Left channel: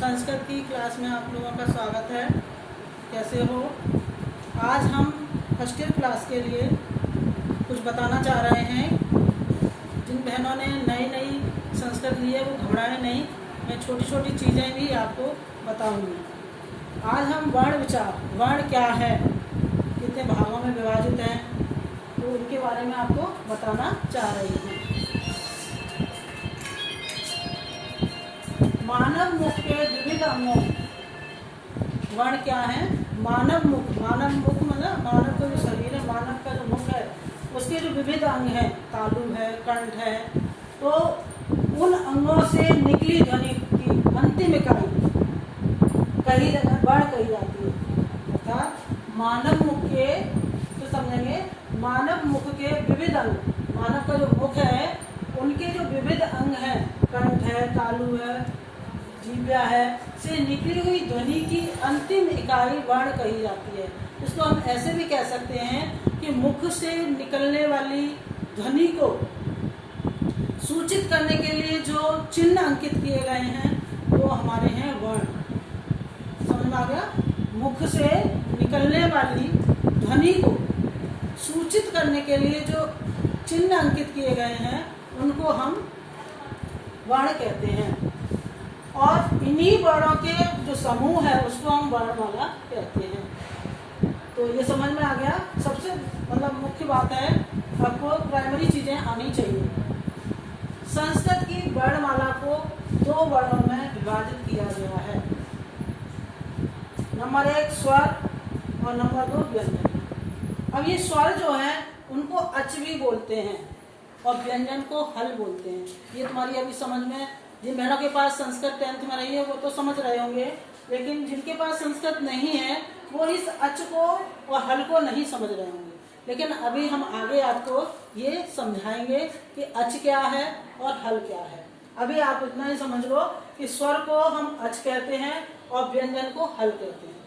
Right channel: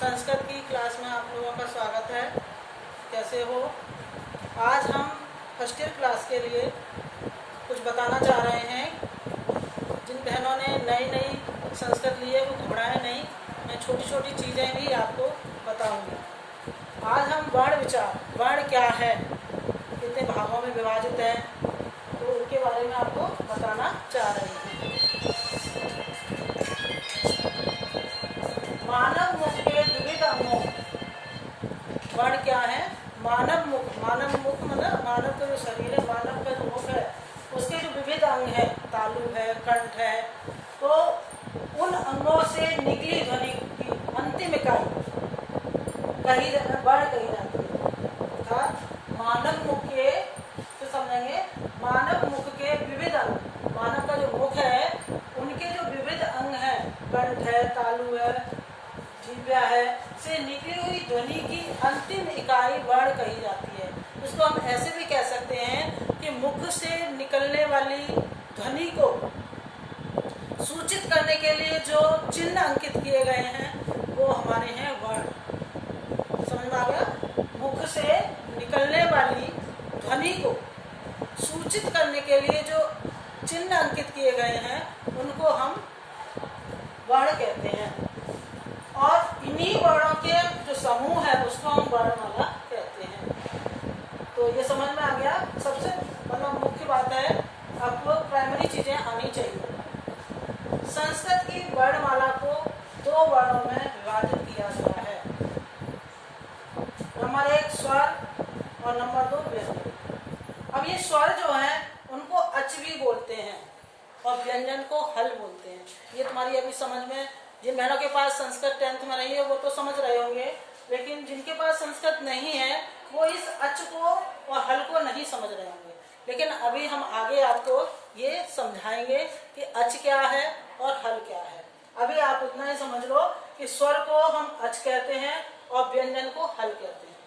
संस्कृत की क्लास में आप लोगों का स्वागत है। कैसे हो? आज हम फर्स्ट ईयर क्लास के लिए कुछ बताना चाह रहे हैं। जिन बहनों ने नई संस्कृत ली है वो घबराए नहीं, मैं छोटी छोटी चीज़ें भी आपको बताऊंगी। आज हम वर्ण विचार, वर्ण क्या है, कितने भागों में विभाजित है, तो उनके बारे में आपको बताना चाह रही हूँ। मानव मुख के विविध अंगों, वर्ण क्या है? मानव मुख, मानव मुख मतलब मानव का जो शरीर है, मानव का जो मुख है, उसके जो विविध अंग है, तालु है, कंठ है, तो उन अंगों से निकली ध्वनि की अंतिम इकाई वर्ण कही जाती है। अर्थात मानव मुख के, तो समझेंगे, मानव मुख के विविध अंग, मानव का जो मुख है उनके जो विविध अंग है, कंठ है, तालु है, जीभा है, से निकली हुई ध्वनि की अंतिम इकाई वर्ण कही जाती है। उसको हम ऐसे भी कह सकते हैं कि मुख से निकलने वाली ध्वनि को सूचित करने के लिए जो चिन्ह अंकित किए गए हैं वो हमारे हैं वर्ण। समझ में आ गया? मुख से निकलने वाली ध्वनि को सूचित करने के लिए जो चिन्ह अंकित किए गए हैं उनको हम वर्ण कहते हैं। और इन्हीं वर्णों के जो समूह है उसको हम वर्णमाला कहते हैं। तो ये समझ में आ गया। सबसे मुख्य बात है, आपको प्राइमरी चीजें आनी चाहिए। संस्कृत की वर्णमाला को दो वर्णों में विभाजित किया गया है। नंबर 1 स्वर और नंबर 2 व्यंजन। अब ये स्वर जो है उनको अच भी बोलते हैं और व्यंजन को हल बोलते हैं। ये तुम्हारी अभी समझ में, जिन बहनों के पास संस्कृत 10th में नहीं है वो तो समझ रहे होंगे, लेकिन जिनके पास संस्कृत नहीं है वो इस अच को और हल को नहीं समझ रहे होंगे। लेकिन अभी हम आगे आपको ये समझाएंगे कि अच क्या है और हल क्या है। अभी आप इतना ही समझ लो कि स्वर को हम अच कहते हैं और व्यंजन को हल कहते हैं।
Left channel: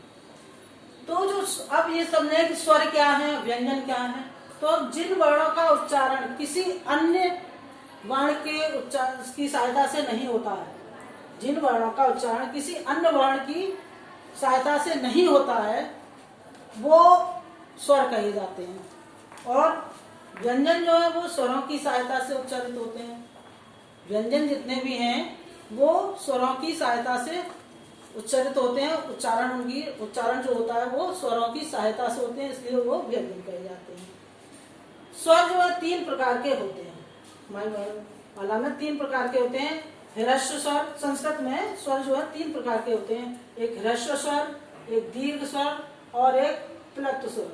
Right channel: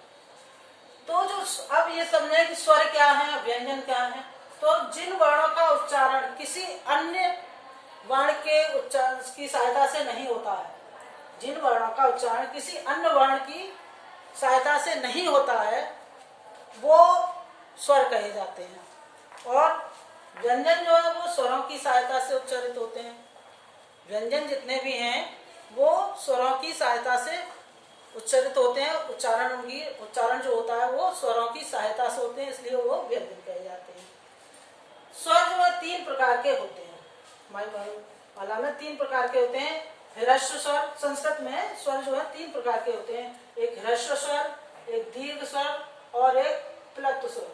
तो जो अब ये समझे कि स्वर क्या है, व्यंजन क्या है, तो जिन वर्णों का उच्चारण किसी अन्य वर्ण के उच्चारण की सहायता से नहीं होता है, जिन वर्णों का उच्चारण किसी अन्य वर्ण की सहायता से नहीं होता है वो स्वर कहे जाते हैं। और व्यंजन जो है वो स्वरों की सहायता से उच्चारित होते हैं। व्यंजन जितने भी हैं वो स्वरों की सहायता से उच्चारित होते हैं। उच्चारण जो होता है वो स्वरों की सहायता से होते हैं, इसलिए वो व्यंजन कहे जाते हैं। स्वर जो है 3 प्रकार के होते हैं। माला में 3 प्रकार के होते हैं। ह्रस्व स्वर, संस्कृत में स्वर जो है 3 प्रकार के होते हैं। एक ह्रस्व स्वर, एक दीर्घ स्वर और एक प्लुत स्वर।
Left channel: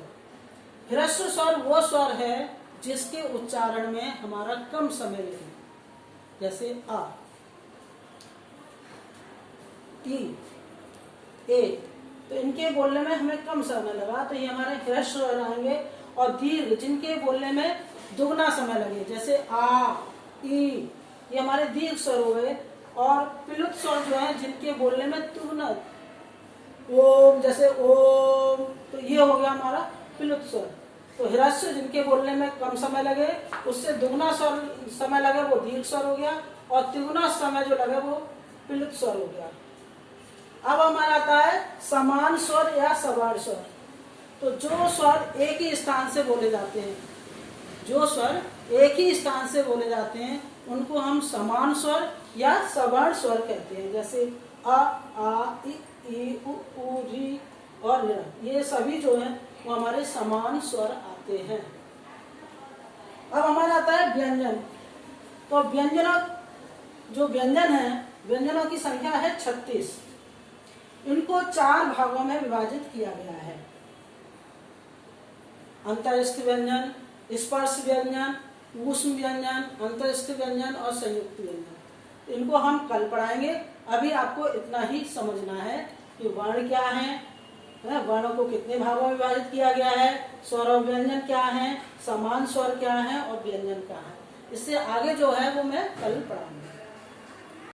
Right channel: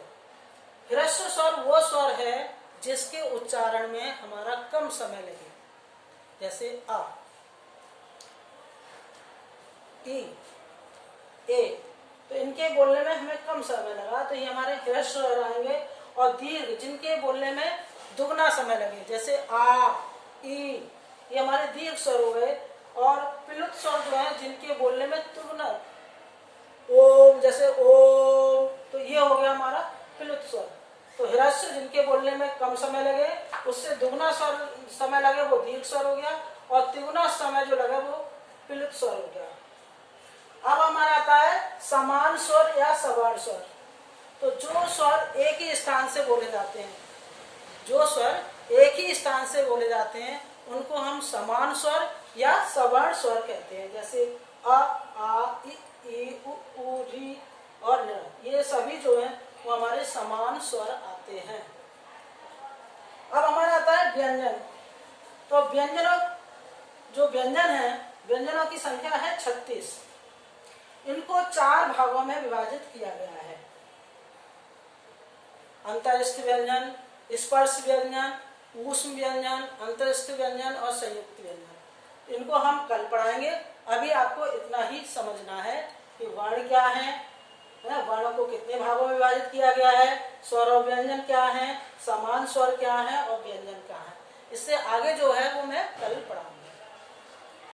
ह्रस्व स्वर वो स्वर है जिसके उच्चारण में हमारा कम समय लगे, जैसे आ, ई, ए, तो इनके बोलने में हमें कम समय लगा तो ये हमारे ह्रस्व स्वर आएंगे। और दीर्घ, जिनके बोलने में दुगना समय लगे, जैसे आ, ई, ये हमारे दीर्घ स्वर हो गए। और प्लुत स्वर जो है जिनके बोलने में दुगना, ओम, जैसे ओम, तो ये हो गया हमारा प्लुत स्वर। तो ह्रस्व जिनके बोलने में कम समय लगे, उससे दुगना समय लगे, वो दीर्घ स्वर हो गया। और तिगुना समय जो लगा वो प्लुत स्वर हो गया। अब हमारा आता है समान स्वर या सवर्ण स्वर। तो जो स्वर एक ही स्थान से बोले जाते हैं, जो स्वर एक ही स्थान से बोले जाते हैं उनको हम समान स्वर या सवर्ण स्वर कहते हैं। जैसे अ, आ, ई, उ, री और ल, ये सभी जो है वो हमारे समान स्वर आते हैं। अब हमारा आता है व्यंजन। तो जो व्यंजन है, व्यंजनों की संख्या है 36। इनको 4 भागों में विभाजित किया गया है। अंतरस्थ व्यंजन, स्पर्श व्यंजन, ऊष्म व्यंजन, अंतरस्थ व्यंजन और संयुक्त व्यंजन। इनको हम कल पढ़ाएंगे। अभी आपको इतना ही समझना है कि वर्ण क्या है, वर्णों को कितने भागों में विभाजित किया गया है, स्वर और व्यंजन क्या है, समान स्वर क्या है और व्यंजन क्या है। इससे आगे जो है वो मैं कल पढ़ाऊंगा।